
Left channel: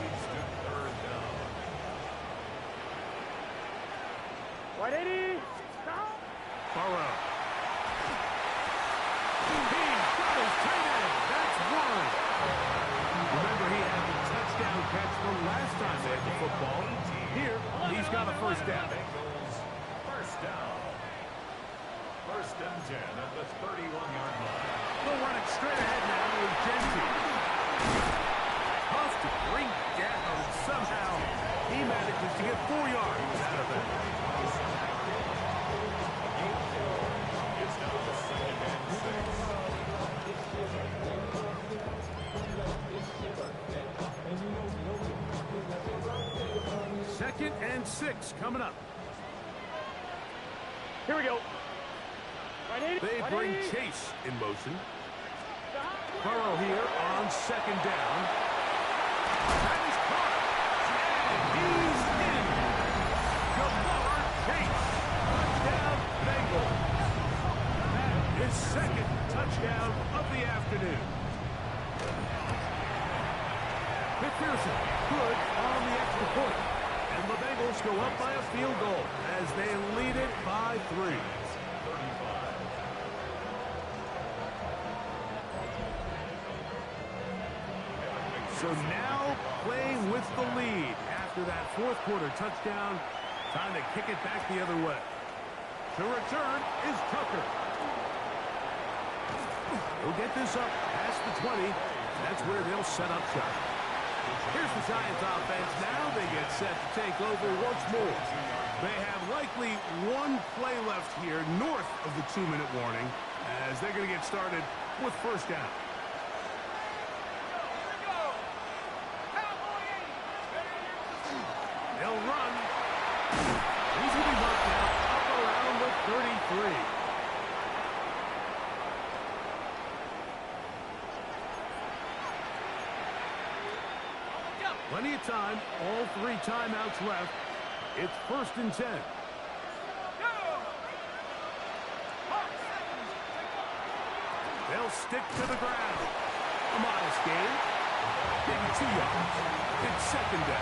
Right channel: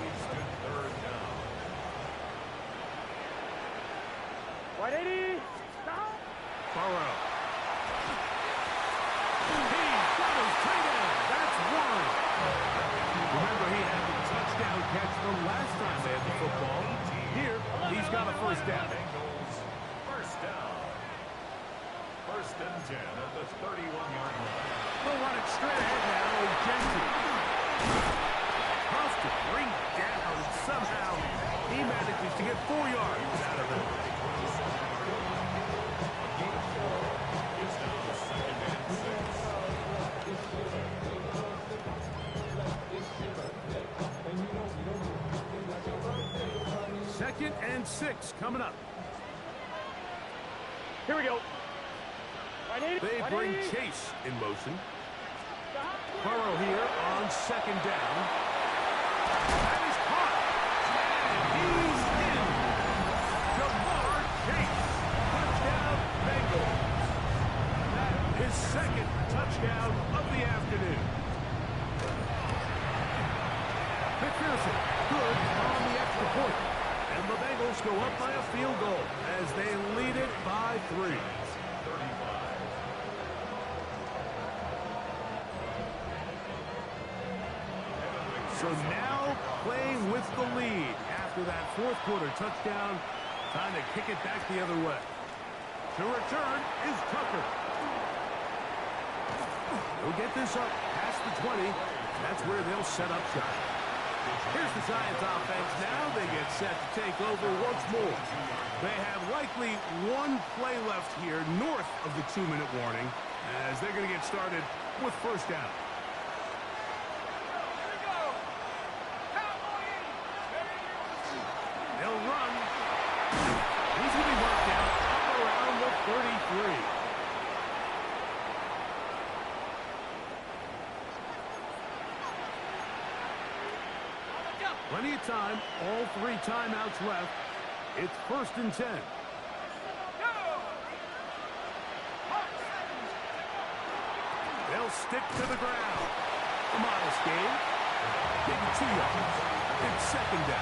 White 80. Burrow. He's got his tight end. That's Warren. Remember, he had the touchdown catch the last time they had the football. Here, he's got a 1st down. Bengals, 1st down. 1st and 10 at the 31-yard line. They'll run it straight ahead now with Genty. Tough to bring down. Somehow, he manages to get 4 yards out of it. It's now 2nd and 6. 2nd and 6 coming up. Here we go. They bring Chase in motion. Burrow here on 2nd down. That is caught. And he's in. Jamar Chase. Touchdown, Bengals. That is 2nd touchdown of the afternoon. McPherson, good on the extra point. And the Bengals go up by a field goal as they lead it by 3. So now playing with the lead after that 4th quarter touchdown. Time to kick it back the other way. To return is Tucker. He'll get this up past the 20. That's where they'll set up shop. Here's the Giants offense now. They get set to take over once more. They have likely 1 play left here north of the 2-minute warning as they're going to get started with 1st down. They'll run. He's going to be marked down up around the 33. Plenty of time. All 3 timeouts left. It's 1st and 10. They'll stick to the ground. A modest gain. Maybe 2 yards. It's 2nd down.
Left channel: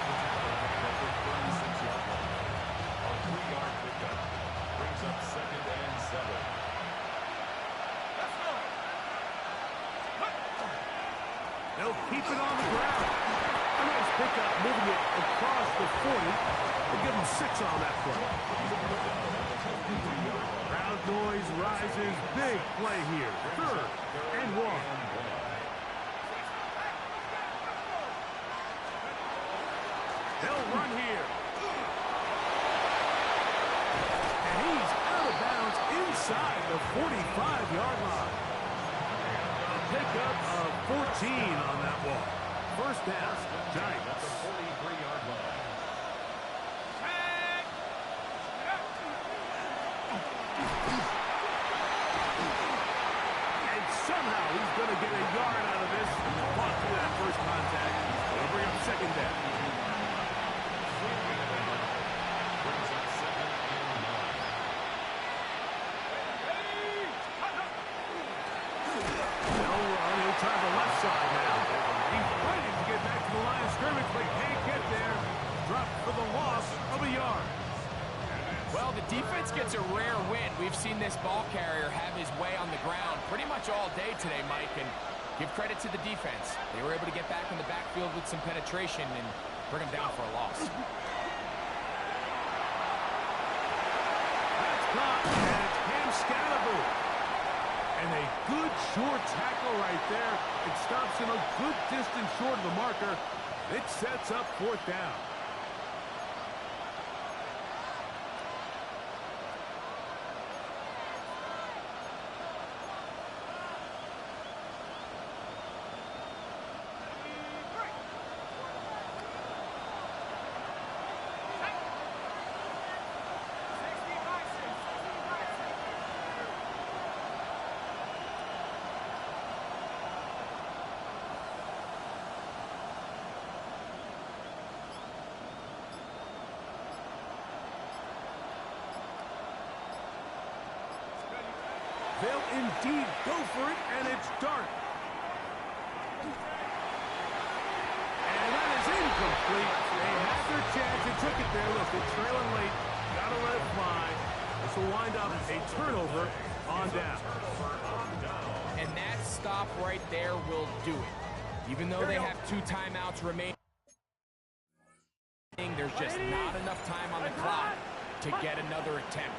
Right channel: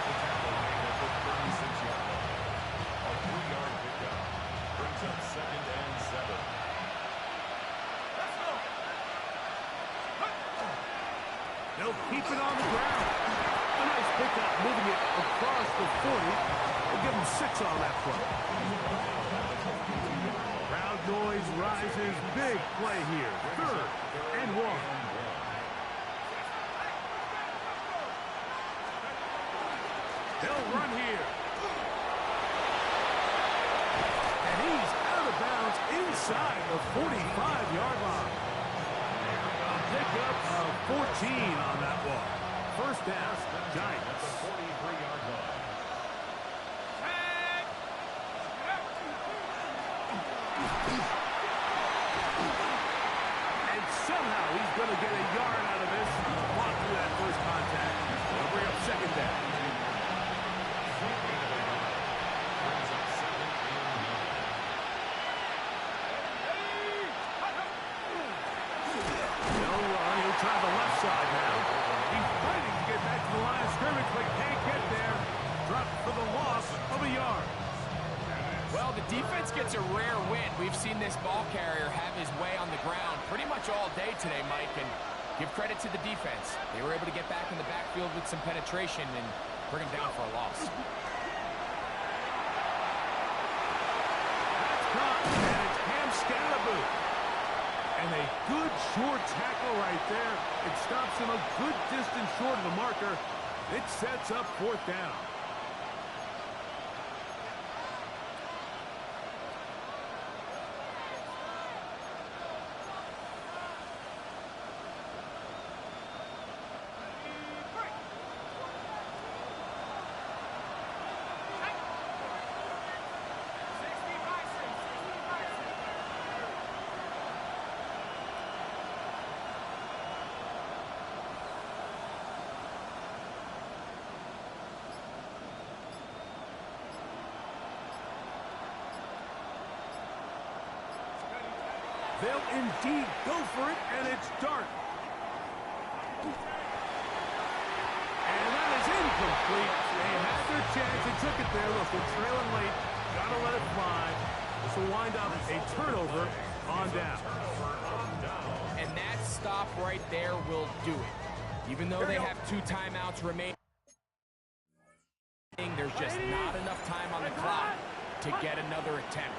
The tackle made at the 36-yard line. A 3-yard pickup brings up 2nd and 7. Let's go. They'll keep it on the ground. A nice pickup, moving it across the 40. We'll give them 6 on that play. Crowd noise rises. Big play here. 3rd and 1. They'll run here. he's out of bounds inside the 45-yard line. A pickup of 14 on that one. First down, Giants. At the 43-yard line. And somehow he's going to get a yard out of this. Fought through that first contact. They'll bring up second down. Brings up 2nd and 9. They'll run. He'll try the left side now. He's fighting to get back to the line of scrimmage, but can't get there. Dropped for the loss of a yard. Well, the defense gets a rare win. We've seen this ball carrier have his way on the ground pretty much all day today, Mike, and give credit to the defense. They were able to get back in the backfield with some penetration and bring him down for a loss. That's caught, and it's Cam Scalaboo. And a good short tackle right there. It stops him a good distance short of the marker. It sets up fourth down. They'll indeed go for it, and it's Dart. And that is incomplete. They had their chance. They took it there. Look, they're trailing late. Got to let it fly. This will wind up a turnover on down. And that stop right there will do it. Even though they have 2 timeouts remaining, there's just not enough time on the clock to get another attempt.